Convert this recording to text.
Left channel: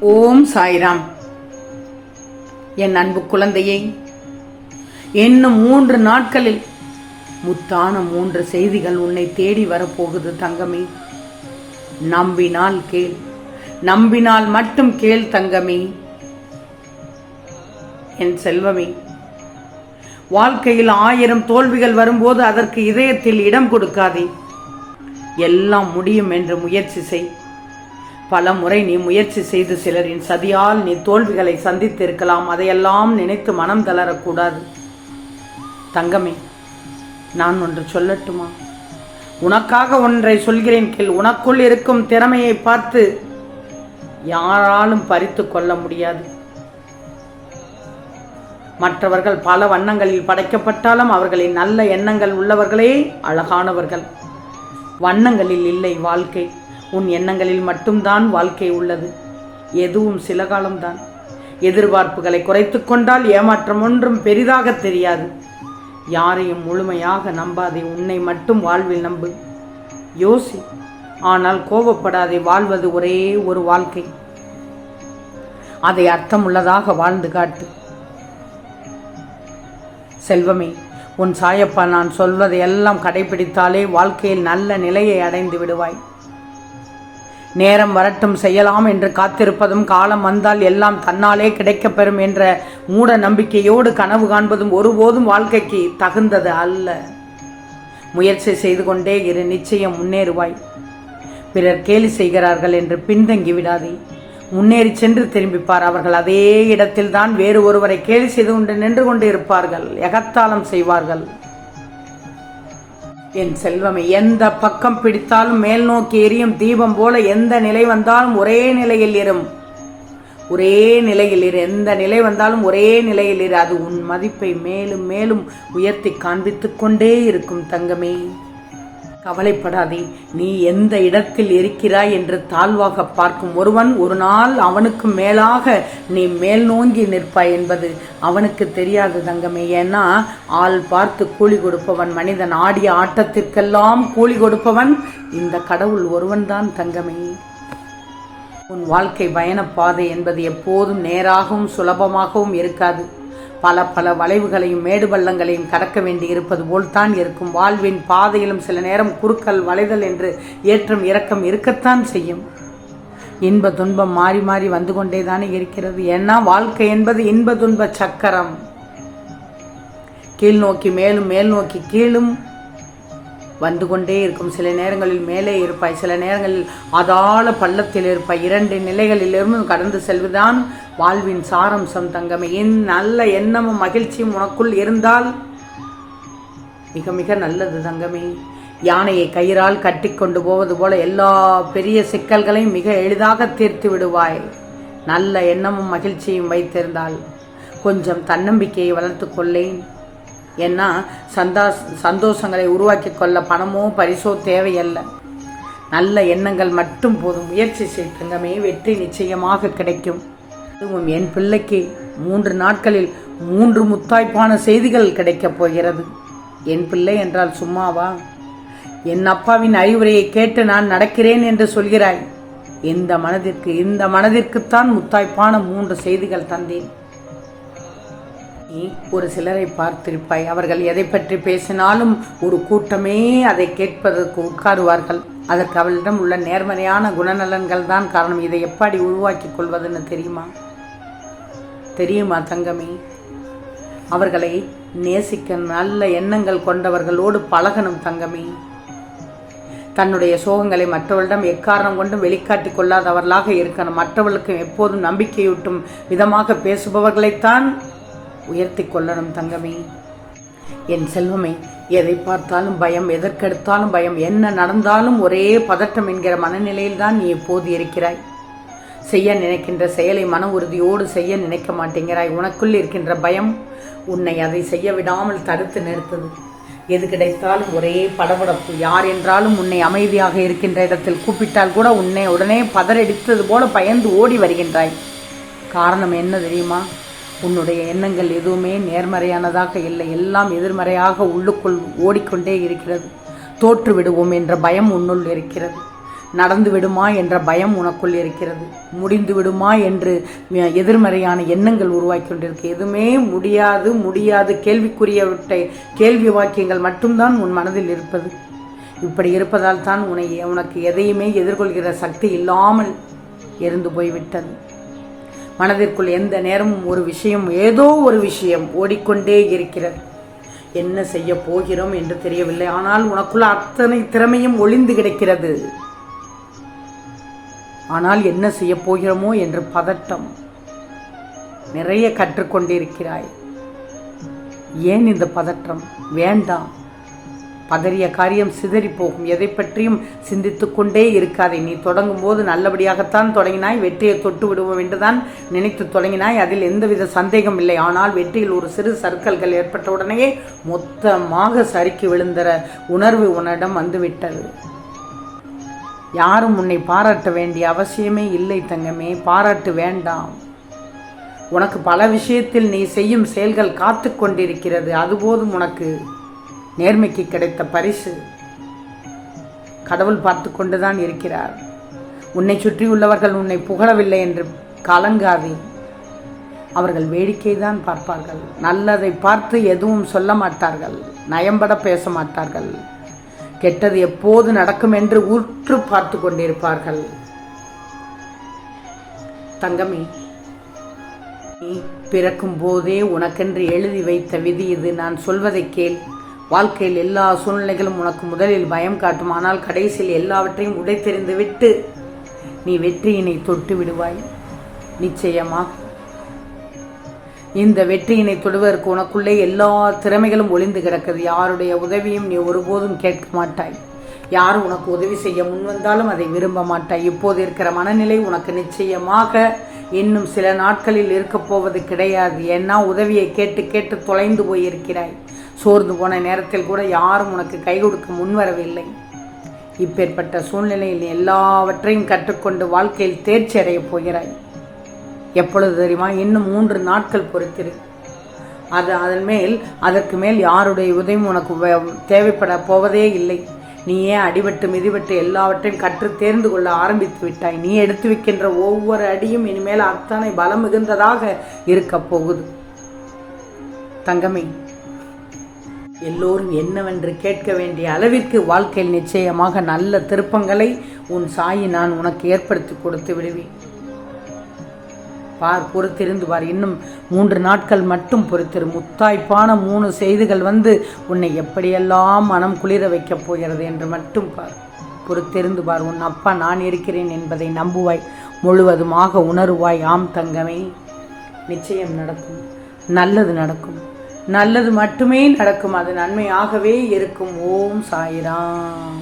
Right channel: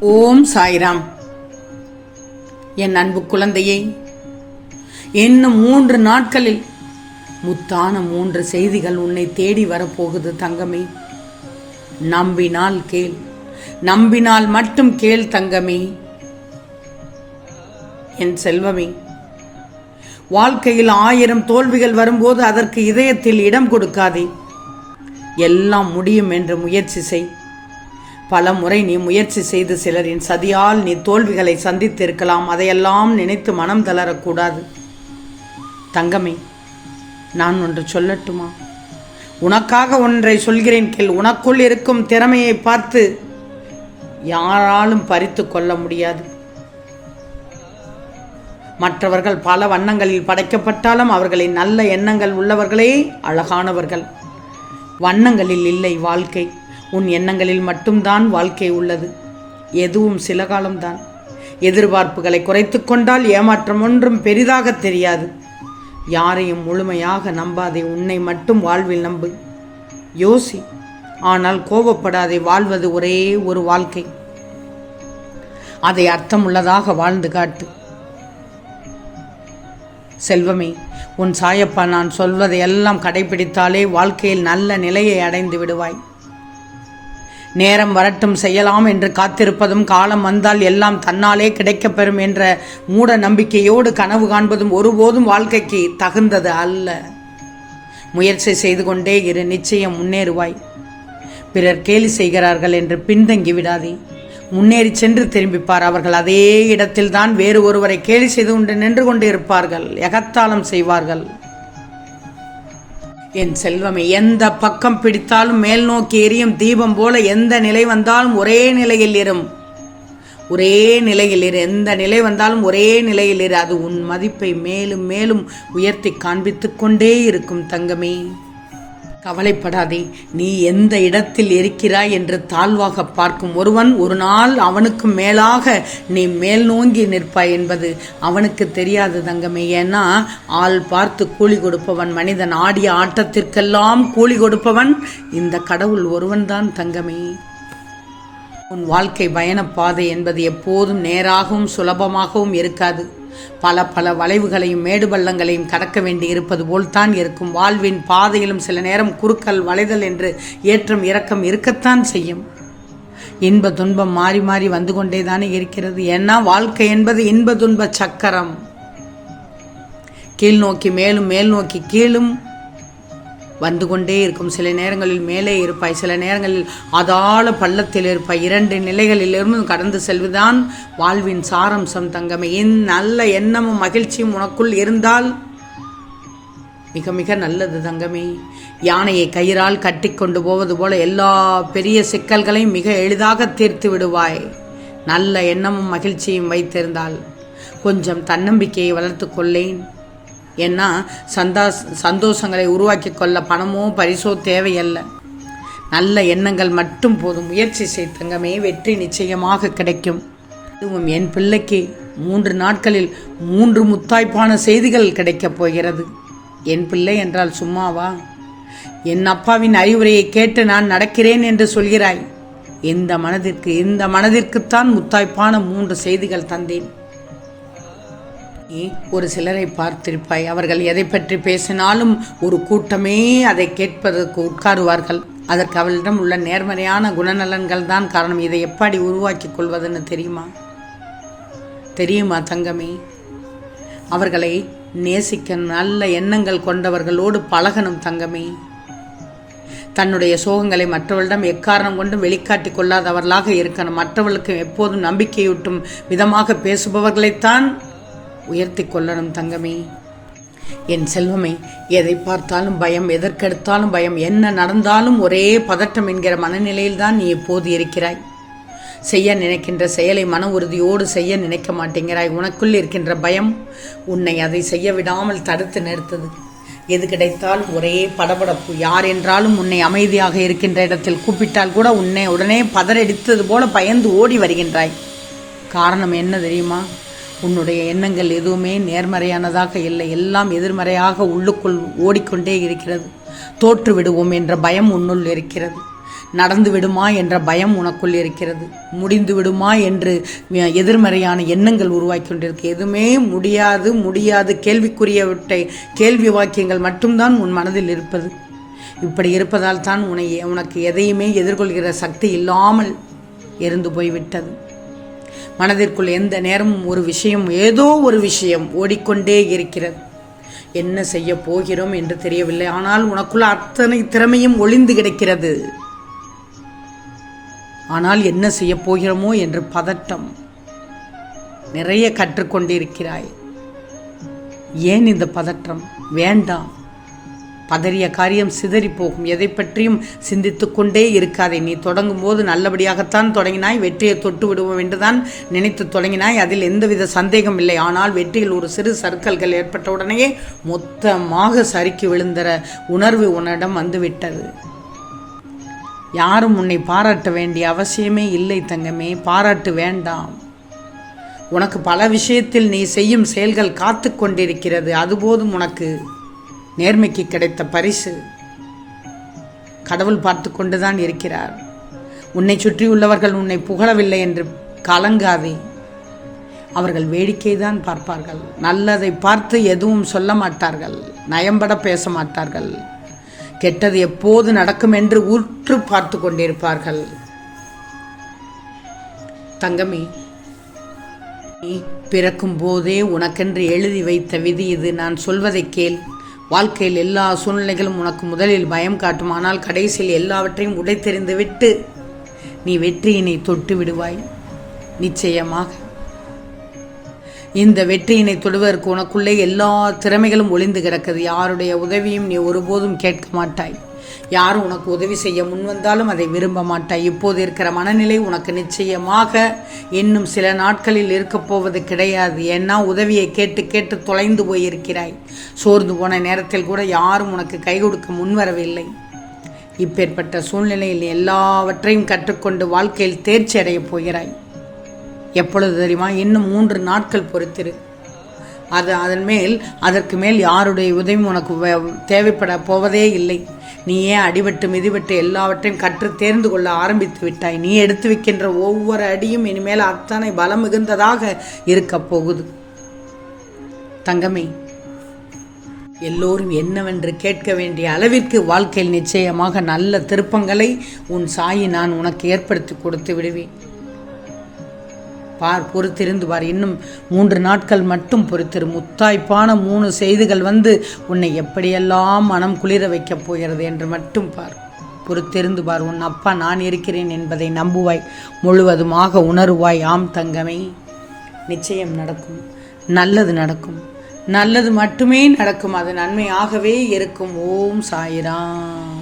ஓம் சாய்ராம். என் அன்பு குழந்தையே இன்னும் மூன்று நாட்களில் முத்தான மூன்று செய்திகள் உன்னை தேடி வரப்போகுது தங்கமே. நம்பினால் கேள் நம்பினால் மட்டும் கேள் தங்கமே. என் செல்வமே வாழ்க்கையில் ஆயிரம் தோல்விகள் வரும்போது அதற்கு இதயத்தில் இடம் கொடுக்காதே. எல்லாம் முடியும் என்று முயற்சி செய். பல முறை நீ முயற்சி செய்து சிலரின் சதியால் நீ தோல்விகளை சந்தித்திருக்கலாம். அதையெல்லாம் நினைத்து மனம் தளரக்கூடாது. தங்கமே நான் ஒன்று சொல்லட்டுமா? உனக்காக ஒன்றை சொல்கிறேன் கேள். உனக்குள் இருக்கும் திறமையை பார்த்து யாராலும் பறித்து கொள்ள முடியாது. மற்றவர்கள் பல வண்ணங்களில் படைக்கப்பட்டாலும் அவர்களின் நல்ல எண்ணங்கள் உள்ளவர்களே அழகானவர்கள். வண்ணங்களில் இல்லை வாழ்க்கை. உன் எண்ணங்களில் மட்டும்தான் வாழ்க்கை உள்ளது. எதுவும் சில காலம்தான். எதிர்பார்ப்புகளை குறைத்து கொண்டால் ஏமாற்றம் ஒன்றும் பெரிதாக தெரியாது. யாரையும் முழுமையாக நம்பாதே உன்னை மட்டும் வாழ்வில் நம்பு. யோசி ஆனால் கோபப்படாதே வாழ்வது ஒரே ஒரு வாழ்க்கை. அதை அர்த்தமுள்ளதாக வாழ்ந்து காட்டு. செல்வமே உன் சாயப்பா நான் சொல்வதை எல்லாம் கடைபிடித்தாலே வாழ்க்கையில் நல்ல நிலையை அடைந்து விடுவாய். நேரம் வரட்டும் செய்யலாம் என்று காத்திருப்பதும் காலம் வந்தால் எல்லாம் தன்னாலே கிடைக்கப்பெறும் என்ற மூட நம்பிக்கையோடு கனவு காண்பதும் ஒருபோதும் வாழ்க்கைக்கு தகுந்தது அல்ல. முயற்சி செய்து கொண்டே இரு நிச்சயம் முன்னேறுவாய். பிறர் கேலி செய்கிறார்கள் என்று பின்தங்கி விடாதே. முன்னேறி சென்று திரும்பிப்பார் அவர்கள். அதே இடத்தில்தான் வேறு ஒருவரை கேலி செய்து கொண்டு நின்று கொண்டு இருப்பார்கள் எகத்தாளம் செய்வார்கள். என் செல்வமே எந்த பக்கம் பிடித்தாலும் மேல் நோக்கி எரியும் தீபம் போல எந்த நிலை வந்தாலும் ஒரே நிலையில் இரும். ஒரே நிலையில் இரு. எந்த நிலை வந்தாலும் ஒரே நிலையில் இரு. அது உன் மதிப்பை மேலும் மேலும் உயர்த்தி காண்பித்துக் கொண்டே இருக்கும் தங்கமே. கவலைப்படாதே. நீ எந்த இடத்தில் இருக்கிறாய் என்று தாழ்வாக பார்க்கும் ஒருவன் ஒரு நாள் அவனுக்கு மேலாக நீ மேல் நோங்கி நிற்பாய் என்பது அவனுக்கு தெரியாது தங்கமே. ஏன்னா ஆள் பார்த்து கூலி கொடுப்பவன் மனிதன் ஆடிய ஆட்டத்திற்கெல்லாம் கூலி கொடுப்பவன் இந்த கடவுள் ஒருவன்தான் தங்கமே. உன் வாழ்க்கை பயணப்பாதை என்பது எப்போதும் நேராகவும் சுலபமாகவும் இருக்காது. பல பல வளைவுகளையும் மேடு பள்ளங்களையும் கடக்க வேண்டி இருப்பது போல்தான் இருக்கும். வாழ்வின் பாதையிலும் சில நேரம் குறுக்கல் வளைதல் என்று ஏற்றம் இறக்கம் இருக்கத்தான் செய்யும். இன்ப துன்பம் மாறி மாறி வந்து கொண்டே தானே இருக்கிறது. ஏன்னா வாழ்க்கை என்பது இன்ப துன்ப சக்கரம். கீழ் நோக்கி மேலும் மேல் நோக்கி கீழும் வந்து கொண்டே இருக்கும். சில நேரங்களில் மேலே இருப்பாய் சில நேரங்களில் அதாள பள்ளத்தில் இருப்பாய். இரண்டு நிலைகளிலிருந்து கடந்து செல்வதுதான் வாழ்வின் சாரம்சம் தங்கமே. என் நல்ல எண்ணமும் மகிழ்ச்சியும் உனக்குள் இருந்தால் மிக மிக நல்லது தங்கமே. யானையை கயிறால் கட்டி கொண்டு போவது போல எல்லா பெரிய சிக்கல்களையும் மிக எளிதாக தீர்த்து விடுவாய். நல்ல எண்ணமும் மகிழ்ச்சியும் வைத்திருந்தால் கொஞ்சம் தன்னம்பிக்கையை வளர்த்து கொள்ளேன். ஏன்னா சந்தா சந்தோஷங்களை உருவாக்கி கொள்ள பணமோ பரிசோ தேவையல்ல. நல்ல எண்ணங்கள் மட்டும் போதும். முயற்சி செய் தங்கமே. வெற்றி நிச்சயமாக கிடைக்கும். அதுவும் என் பிள்ளைக்கு மூன்று நாட்களில் மூன்று முத்தாய்ப்பான செய்திகள் கிடைக்கப் போகிறது. என் பிள்ளை என்றால் சும்மாவா? என் அப்பாவின் அறிவுரையை கேட்டு நான் நடக்கிறேன் என்று சொல்கிறாய். இந்த மனதிற்கு இந்த மனதிற்குத்தான் முத்தாய்ப்பான மூன்று செய்திகள் தந்தேன். நீ ஒரு சிலரை பார்த்திருப்பாய். அவர்கள் எதை பற்றி பேசினாலும் ஒரு கூட்டமே அதை கேட்பதற்கு உட்காருவார்கள். அதற்கு அவளிடம் உள்ள நேர்மறையான குணநலன்கள் தான் காரணம். இதை எப்படி உருவாக்கிக் கொள்வதுன்னு தெரியுமா? தெரியுமா தங்கமே? அவர்களை நேசிக்க நல்ல எண்ணங்கள் கொண்டவர்களோடு பழகணும் தங்கமே. தன்னுடைய சோகங்களை மற்றவர்களிடம் எக்காரணம் கொண்டும் வெளிக்காட்டிக் கொள்ளாதவர்களாக இருக்கணும். மற்றவர்களுக்கு எப்போதும் நம்பிக்கையூட்டும் விதமாக பேசுபவர்களைத்தான் உயர்த்தி கொள்ளணும் தங்கமே. என் செல்வமே எதை பார்த்தாலும் பயம் எதற்கெடுத்தாலும் பயம் என்ன நடந்தாலும் ஒரே பதட்டம் என்கிற மனநிலையில் தான் நீ எப்போது இருக்கிறாய். செய்ய நினைக்கின்ற செயலை மன உறுதியோடு செய்ய நினைக்க மாட்டேங்கிறாய். உனக்குள் இருக்கின்ற பயம் உன்னை அதை செய்ய விடாமல் தடுத்து நிறுத்தது. எது கிடைத்தாலும் ஒரே படபடப்பு. யார் என்றாலும் உன்னை அமைதியாக இருக்கின்ற இடத்தில் கூப்பிட்டால் கூட உன்னை உடனே பதறடித்தது போல பயந்து ஓடி வருகின்றாய். காரணம் என்ன தெரியுமா? உன்னுடைய எண்ணங்கள் எதுவுமே நேர்மறையானதாக இல்லை. எல்லாம் எதிர்மறையாக உள்ளுக்குள் ஓடிக்கொண்டே இருக்கிறது. தோற்று விடுவோம் என்ற பயம் உன்னுள் இருக்கிறது. நடந்து விடுமா என்ற பயம் உனக்குள் இருக்கிறது. முடிந்து விடுமா என்று எதிர்மறையான எண்ணங்கள் உருவாக்கி கொண்டிருக்கு எதுவுமே முடியாது முடியாது. கேள்விக்குரியவற்றை கேள்வி வாக்கியங்கள் மட்டும்தான் உன் மனதில் இருப்பது. இப்படி இருப்பதால் தான் உன்னை உனக்கு எதையுமே எதிர்கொள்கிற சக்தி இல்லாமல் இருந்து போய்விட்டது. மனதிற்குள் எந்த நேரமும் ஒரு விஷயம் ஏதோ ஒரு விஷயம் ஓடிக்கொண்டே இருக்கிறது. என்ன செய்ய போகிறோம் என்று தெரியவில்லை. ஆனால் உனக்குள்ள அத்தனை திறமையும் ஒளிந்து கிடக்கிறது. ஆனால் என்ன செய்ய போகிறோமோ என்று பதட்டம் நிறைய கற்றுக்கொண்டிருக்கிறாய். ஏன் இந்த பதற்றம் வேண்டாம். பதறிய காரியம் சிதறி போகும் எதை பற்றியும் சிந்தித்து கொண்டே இருக்காதே. நீ தொடங்கும் போது நல்லபடியாகத்தான் தொடங்கினாய். வெற்றியை தொட்டு விடுவோம் என்றுதான் நினைத்து தொடங்கினாய். அதில் எந்தவித சந்தேகம் இல்லை. ஆனால் வெற்றியில் ஒரு சிறு சர்க்கல்கள் ஏற்பட்ட உடனேயே மொத்தமாக சறுக்கி விழுந்தற உணர்வு உன்னிடம் வந்துவிட்டது. யாரும் உன்னை பாராட்ட வேண்டிய அவசியமே இல்லை தங்கமே. பாராட்டு வேண்டாம். உனக்கு பல விஷயத்தில் நீ செய்யும் செயல்கள் காத்து கொண்டிருக்கிறது அதுபோதும் உனக்கு. நேர்மைக்கு கிடைத்த பரிசு. கடவுள் பார்த்து கொண்டுதான் இருக்கிறார். உன்னை சுற்றியுள்ளவர்கள் உன்னை புகழவில்லை என்று கலங்காதே. அவர்கள் வேடிக்கை தான் பார்ப்பார்கள். நல்லதை பார்த்து எதுவும் சொல்ல மாட்டார்கள். நயம்பட பேச மாட்டார்கள். கெட்டது எப்போது நடக்கும் என்று உற்று பார்த்து கொண்டிருப்பார்கள். தங்கமே நீ பிறக்கும் போதே உனக்கென்று எழுதி வைத்த விதி இது. நான் சொல்வதை கேள். வாழ்க்கையில் எல்லா சூழ்நிலைகளும் உனக்கு முதலில் பயம் காட்டும். ஆனால் கடைசியில் எல்லாவற்றையும் உடைத்தெறிந்து விட்டு நீ வெற்றியினை தொட்டு விடுவாய். நிச்சயமாக. இந்த வெற்றியினை தொடுவதற்கு உனக்குள்ளே எல்லா திறமைகளும் ஒளிந்து கிடக்குது யாருடைய உதவியும் நீ ஒருபோதும் கேட்க மாட்டாய். யாரும் உனக்கு உதவி செய்ய முன்வந்தாலும் அதை விரும்ப மாட்டாய். இப்போது இருக்கிற மனநிலை உனக்கு நிச்சயமாக இன்னும் சில நாட்களில் இருக்கப் போவது கிடையாது. ஏன்னா உதவியை கேட்டு கேட்டு தொலைந்து போயிருக்கிறாய். சோர்ந்து போன நேரத்தில் கூட யாரும் உனக்கு கை கொடுக்க முன்வரவில்லை இப்பேற்பட்ட சூழ்நிலையில் எல்லாவற்றையும் கற்றுக்கொண்டு வாழ்க்கையில் தேர்ச்சி அடையப் போகிறாய். எப்பொழுது தெரியுமா? இன்னும் மூன்று நாட்கள் பொறுத்திரு. அது அதன் மேல் அதற்கு மேல் யாருடைய உதவி உனக்கு தேவைப்பட போவதே இல்லை. நீயே அடிபட்டு மிதிபட்டு எல்லாவற்றையும் கற்று தேர்ந்து கொள்ள ஆரம்பித்து விட்டாய். நீ எடுத்து வைக்கின்ற ஒவ்வொரு அடியும் இனிமேல் அத்தனை பலம் மிகுந்ததாக இருக்கப் போகுது. தங்கமே எல்லோரும் என்னவென்று கேட்க வேண்டிய அளவிற்கு வாழ்க்கையில் நிச்சயமாக நல்ல திருப்பங்களை உன் சாயி நான் உனக்கு ஏற்படுத்தி கொடுத்து விடுவேன். பார் பொறுத்திருந்து பார். இன்னும் மூன்று நாட்கள் மட்டும் பொறுத்திரு. முத்தாய்ப்பான மூணு செய்திகள் வந்து உன்னை எப்படியெல்லாம் மனம் குளிர வைக்கப் போகிறது என்று மட்டும் பார். பொறுத்திருந்து பார். உன் அப்பா நான் இருக்கிறேன் என்பதை நம்புவாய். முழுவதுமாக உணருவாய். ஆம் தங்கமே. நிச்சயம் நடக்கும். நல்லது நடக்கும். நல்லது மட்டுமே நடக்கும். அது நன்மையாகவே இருக்கும். ஓம் சாயிராம்.